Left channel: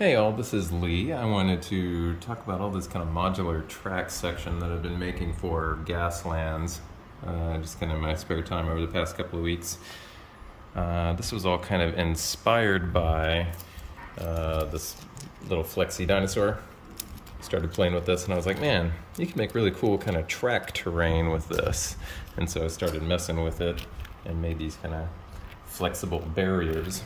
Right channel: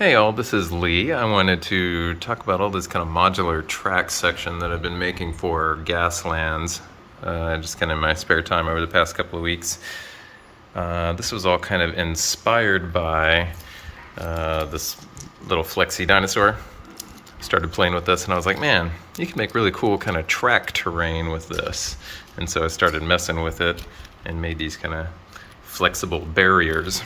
Hey all, this is Lee. I wanted to talk about all this kind of modular track section that I've been making for Gaslands, just kind of in my spare time over the past couple of weeks. This was all kind of inspired by this little Flexi dinosaur. Started playing with this and I was like, man, you can make really cool kind of track terrain with this. And so I started messing with it and made these kind of flexible barriers.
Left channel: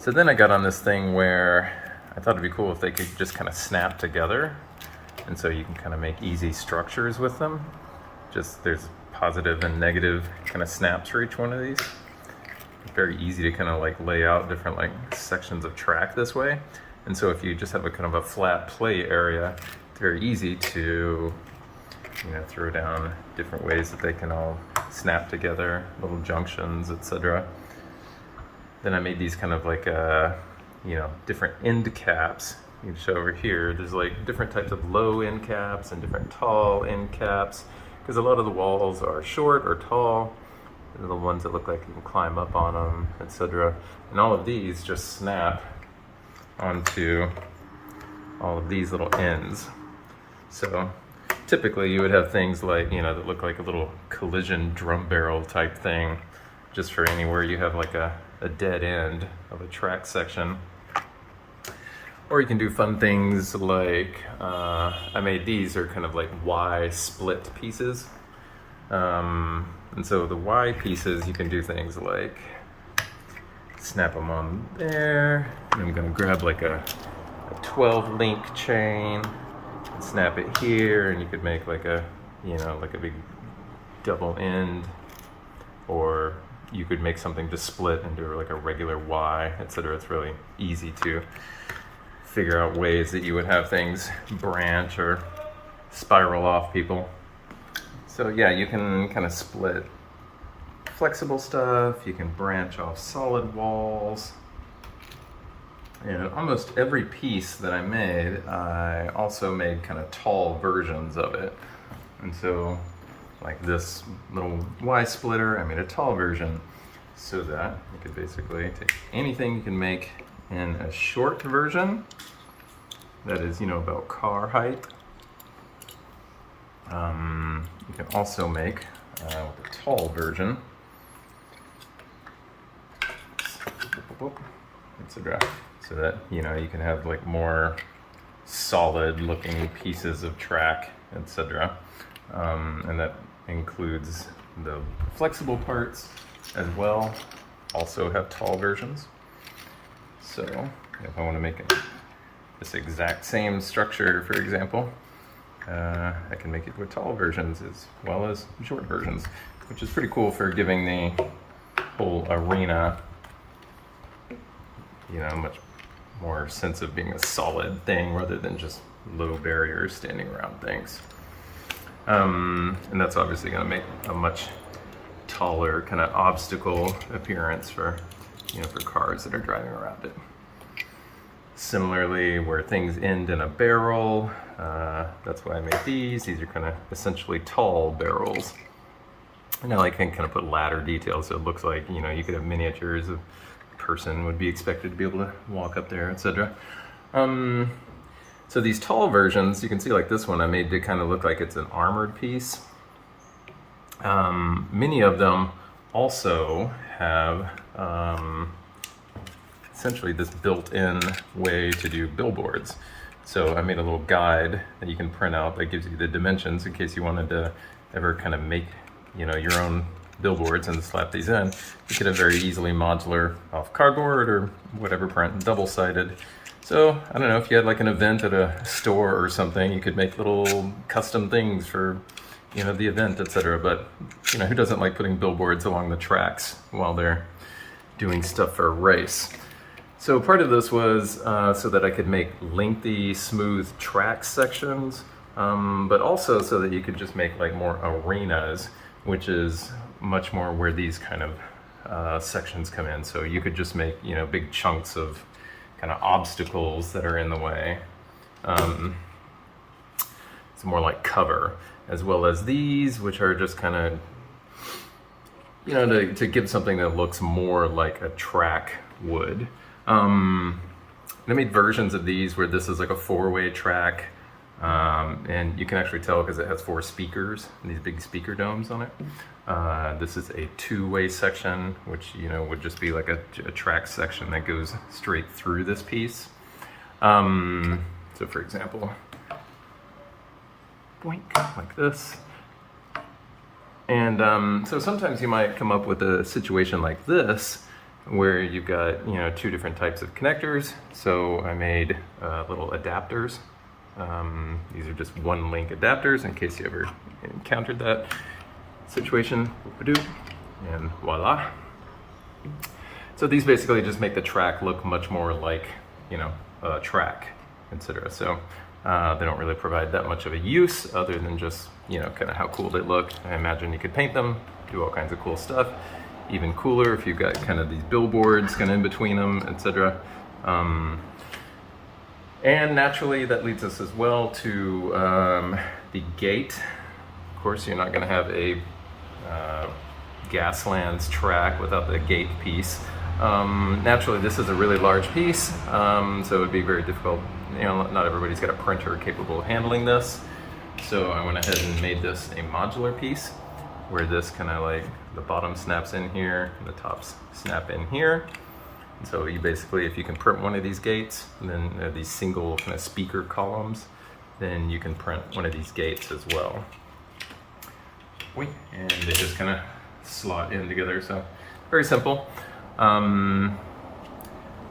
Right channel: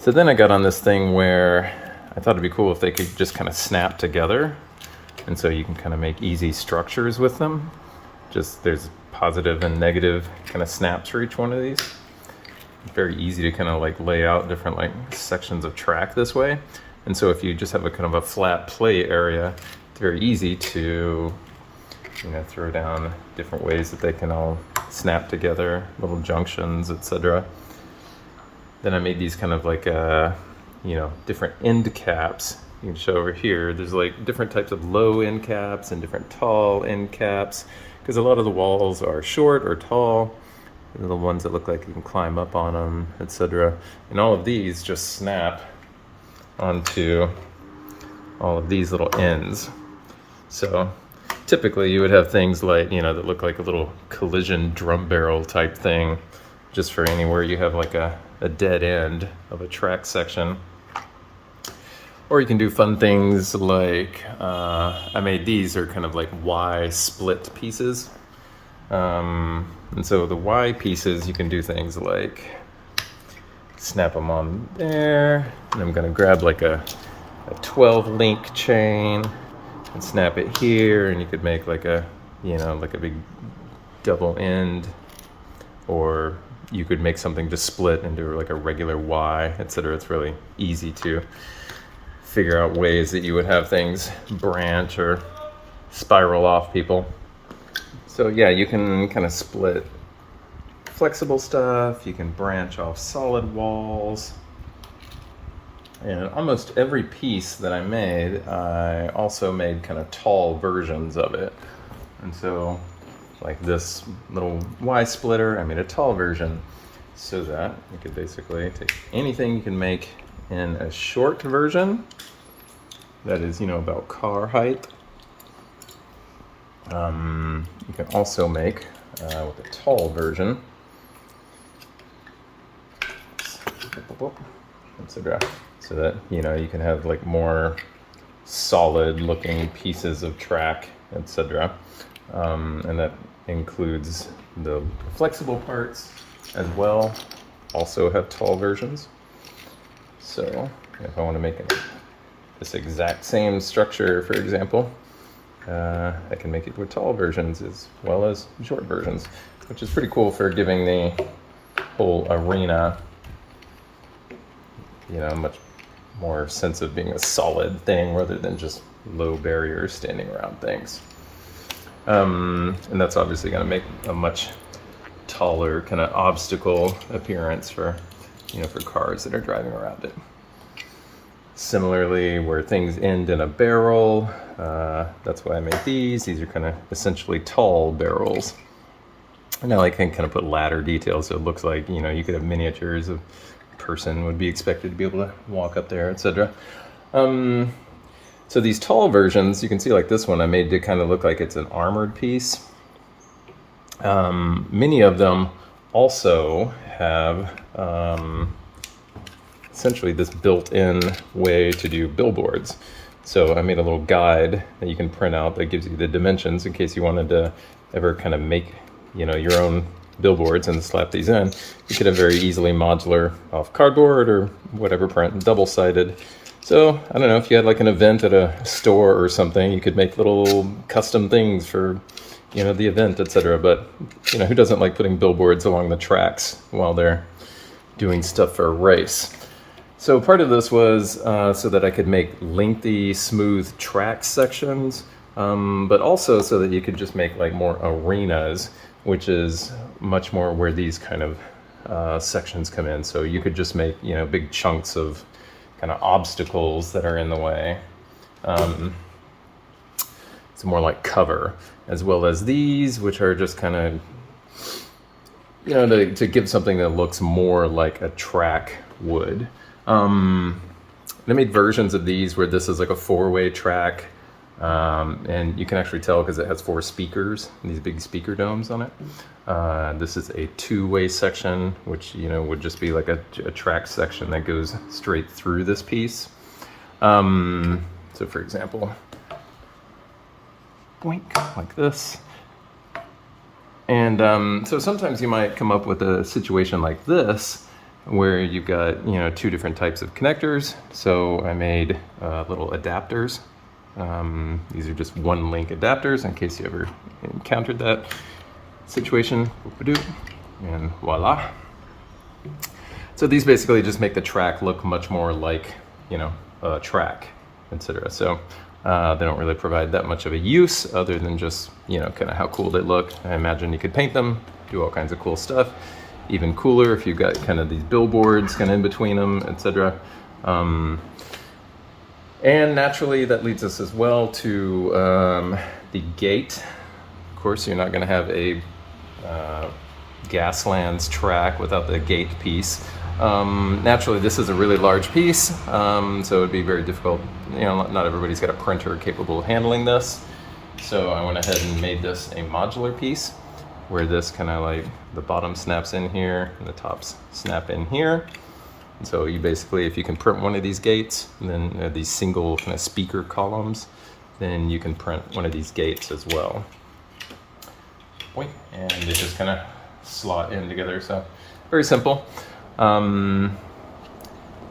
So then I got on this thing where I thought it'd be cool if they could just kind of snap together. And so you can kind of make easy structures with them. Just there's positive and negative kind of snaps for each one of these. Very easy to kind of like lay out different like sections of track this way. And so if you just have a kind of a flat play area, it's very easy to, throw down different ways that they can all snap together, little junctions, etc. Then I made these kind of like, different end caps. You can show over here, there's like different types of low end caps and different tall end caps, because a lot of the walls are short or tall. They're the ones that look like you can climb up on them, etc. And all of these just snap onto all of these little ends. So typically you would have things like, that look like a little collision drum barrel type thing, just for anywhere you have like a dead end of a track section. Or you can do fun things like, I made these are kind of like Y split pieces. And so the Y pieces, you can do things like snap them on there. And I'm gonna grab like a 12 link chain and snap it here, and you could make like a, like a big double end, or you could make something to split into like a regular Y, etc. It's really easy to figure out ways that you would have things branch or spiral off people. So yeah, you can kind of split flexible stuff, you can branch off solid walls. And almost every piece that I made, I also made kind of tall versions of it. And so like this little Y splitter, I made a tall version so that you could basically take anything you can make in a short version that is, about car height. You can also make with a tall version, so that, you can have like more solid looking pieces of track, etc. And that includes the flexible parts as well, also have tall versions. So if I want to make this exact same structure, for example, I can make it with tall versions as well as short versions, which is pretty cool for giving the whole arena, much more sense of being a solid thing rather than just low barriers standing around things. And that's obviously going to make a much taller kind of obstacle appearance for, for cars that are driving around it. Similarly, where things end in a barrel, that's why I made these. These are kind of essentially tall barrels. And now I can kind of put ladder details, so it looks like, you could have miniatures of a person would be expected to be able to walk up there, etc. So these tall versions, you can see like this one I made to kind of look like it's an armored piece. Many of them also have essentially this built-in way to do billboards. So I made a little guide that you can print out that gives you the dimensions in case you wanted to ever kind of make, your own billboards and slap these in. You could have very easily modular off cardboard or whatever print, double-sided. So I don't know, if you had like an event at a store or something, you could make little custom things for, the event, etc. But, who doesn't like putting billboards along the tracks while they're doing stuff for a race? So part of this was so that I could make lengthy, smooth track sections, but also so that you could just make like more arenas, which is much more where these kind of sections come in. So you could just make, big chunks of kind of obstacles that are in the way. It's more like cover, as well as these, which are just kind of, to give something that looks more like a track would. I made versions of these where this is like a 4-way track, and you can actually tell because it has 4 speakers, these big speaker domes on it. This is a 2-way section, which would just be like a track section that goes straight through this piece. So for example, boink, like this. And so sometimes you might come up with a situation like this where you've got 2 different types of connectors. So I made little adapters. These are just 1-link adapters in case you ever encountered that situation. And voila. So these basically just make the track look much more like a track, etc. So they don't really provide that much of a use other than just kind of how cool they look. I imagine you could paint them, do all kinds of cool stuff. Even cooler if you've got kind of these billboards kind of in between them, etc. And naturally that leads us as well to the gate. Of course, you're not going to have a Gaslands track without the gate piece. Naturally, this is a really large piece, so it would be very difficult. Not everybody's got a printer capable of handling this. So I went ahead and made this a modular piece where this kind of like the bottom snaps in here and the tops snap in here. And so you basically, if you can print one of these gates, and then these single kind of speaker columns, then you can print one of these gates as well. And they just kind of slot in together, so very simple.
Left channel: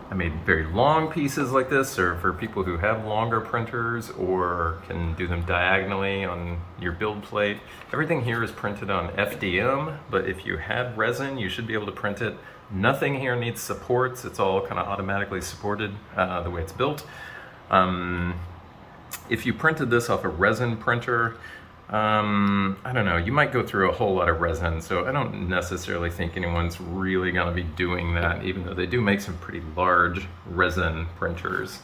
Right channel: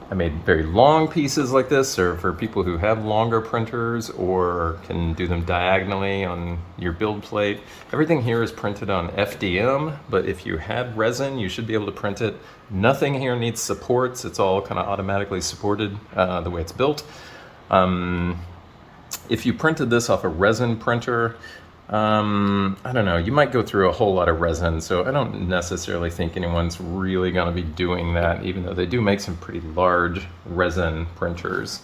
I made very long pieces like this, or for people who have longer printers or can do them diagonally on your build plate. Everything here is printed on FDM, but if you had resin, you should be able to print it. Nothing here needs supports. It's all kind of automatically supported the way it's built. If you printed this off a resin printer, I don't know, you might go through a whole lot of resin, so I don't necessarily think anyone's really going to be doing that, even though they do make some pretty large resin printers.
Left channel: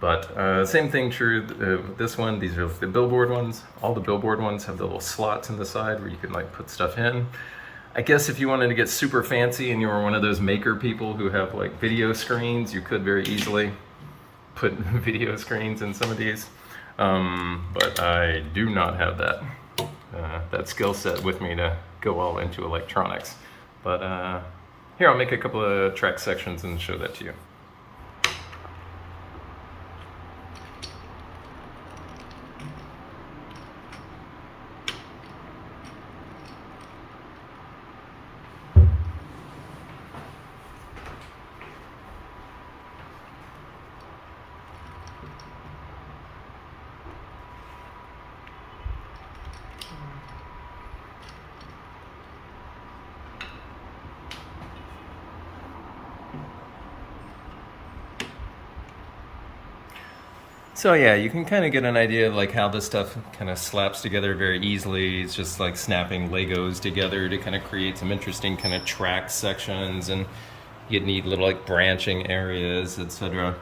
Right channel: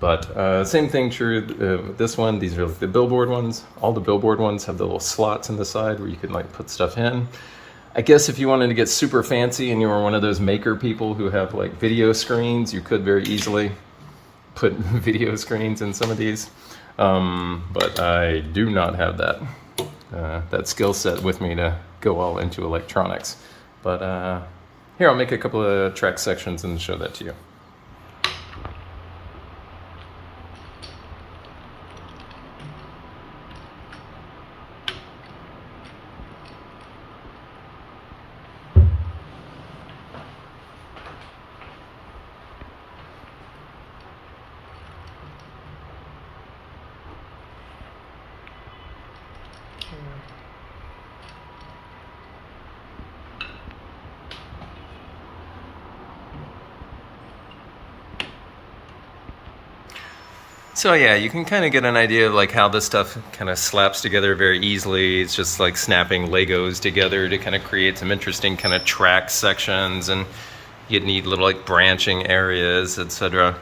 But same thing true with this one. These are the billboard ones. All the billboard ones have the little slots on the side where you can like put stuff in. I guess if you wanted to get super fancy and you were one of those maker people who have like video screens, you could very easily put video screens in some of these. But I do not have that skill set with me to go all into electronics. But here, I'll make a couple of track sections and show that to you. So yeah, you can kind of get an idea of like how this stuff kind of slaps together very easily. It's just like snapping Legos together to kind of create some interesting kind of track sections, and you'd need little like branching areas, etc.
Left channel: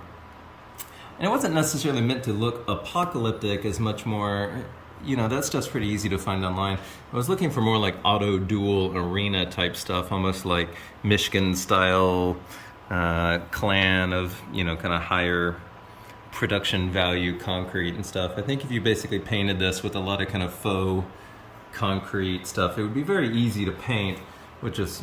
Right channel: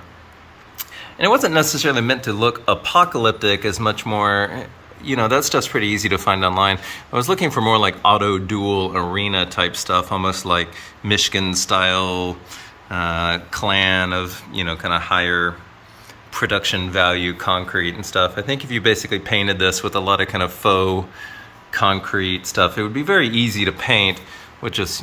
And it wasn't necessarily meant to look apocalyptic as much more, that stuff's pretty easy to find online. I was looking for more like auto duel arena type stuff, almost like Michigan style clan of, kind of higher production value concrete and stuff. I think if you basically painted this with a lot of kind of faux concrete stuff, it would be very easy to paint with just,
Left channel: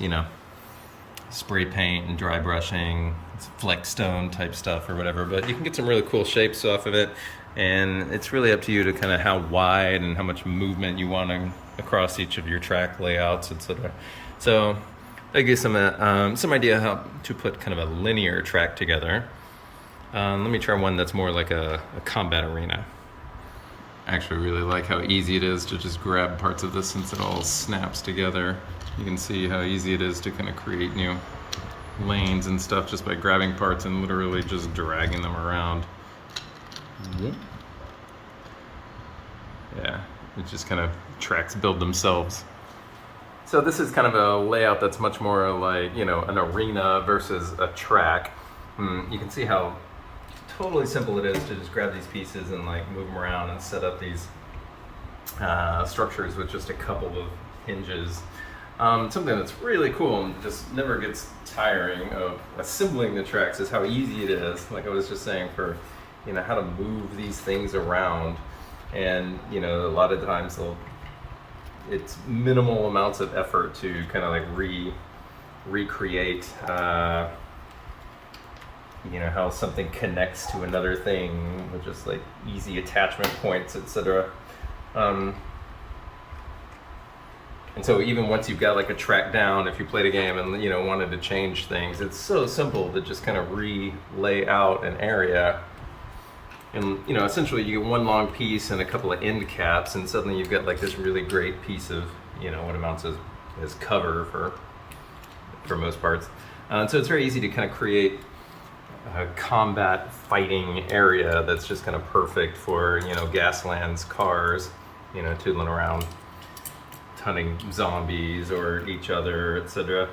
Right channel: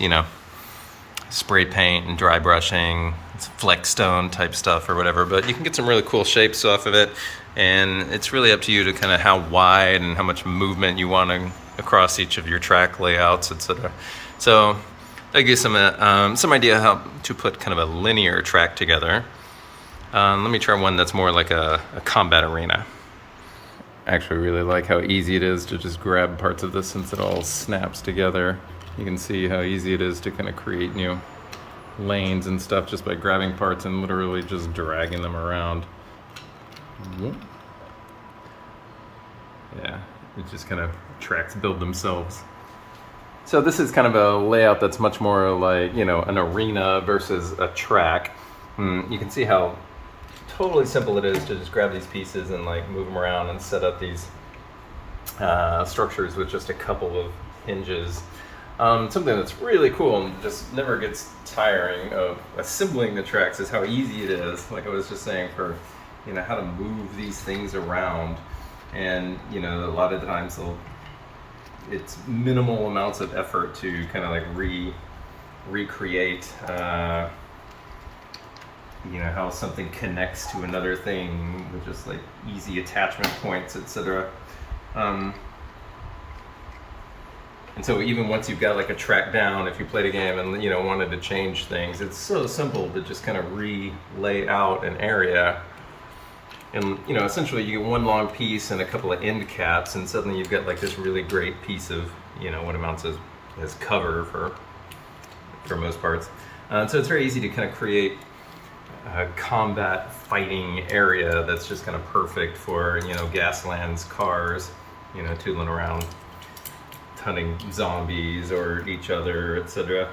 spray paint and dry brushing, Flexstone type stuff or whatever. But you can get some really cool shapes off of it, and it's really up to you to kind of how wide and how much movement you want across each of your track layouts, etc. So that gives you some idea how to put kind of a linear track together. Let me try one that's more like a combat arena. I actually really like how easy it is to just grab parts of this since it all snaps together. You can see how easy it is to kind of create new lanes and stuff just by grabbing parts and literally just dragging them around. Yeah, it just kind of tracks build themselves. So this is kind of a layout that's much more like, an arena versus a track. You can see how totally simple it is to just grab these pieces and like move them around and set up these structures with just a couple of hinges. Something that's really cool and just never gets tiring of assembling the tracks is how easy it is. Like I was just saying, for how to move these things around, and a lot of times it's minimal amounts of effort to kind of like recreate how something connects to another thing with just like easy attachment points, etc. And so even once you've got like a track down, if you played a game and wanted to change things, it's so simple to just kind of lay out an area. And essentially you get one long piece and a couple of end caps, and suddenly you've got like this really great piece of what amounts as cover for most parts. So it's very easy to kind of create a combat fighting area that's just kind of perfect for Gaslands cars, tootling around, hunting zombies or each other, etc.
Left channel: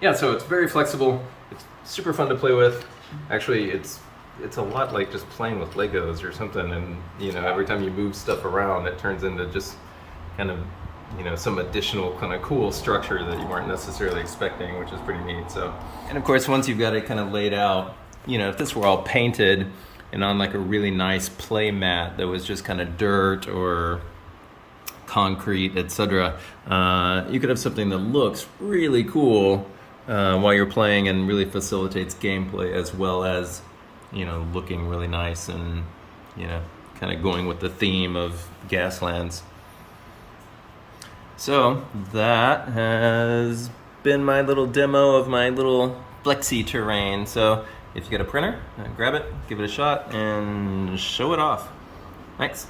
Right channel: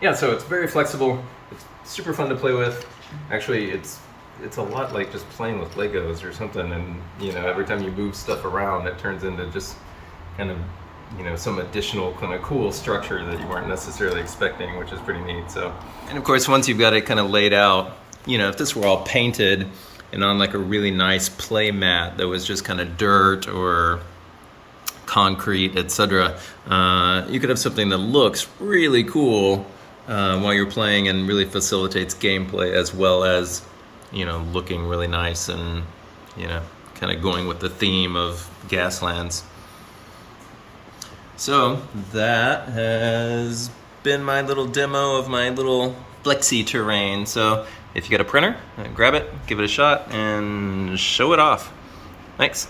Yeah, so it's very flexible. It's super fun to play with. Actually, it's a lot like just playing with Legos or something, and every time you move stuff around, it turns into just kind of some additional kind of cool structure that you weren't necessarily expecting, which is pretty neat. So, and of course, once you've got it kind of laid out, if this were all painted and on like a really nice play mat that was just kind of dirt or concrete, etc., you could have something that looks really cool while you're playing and really facilitates gameplay, as well as looking really nice and kind of going with the theme of Gaslands. So that has been my little demo of my little Flexi terrain. So if you got a printer, grab it, give it a shot, and show it off. Thanks.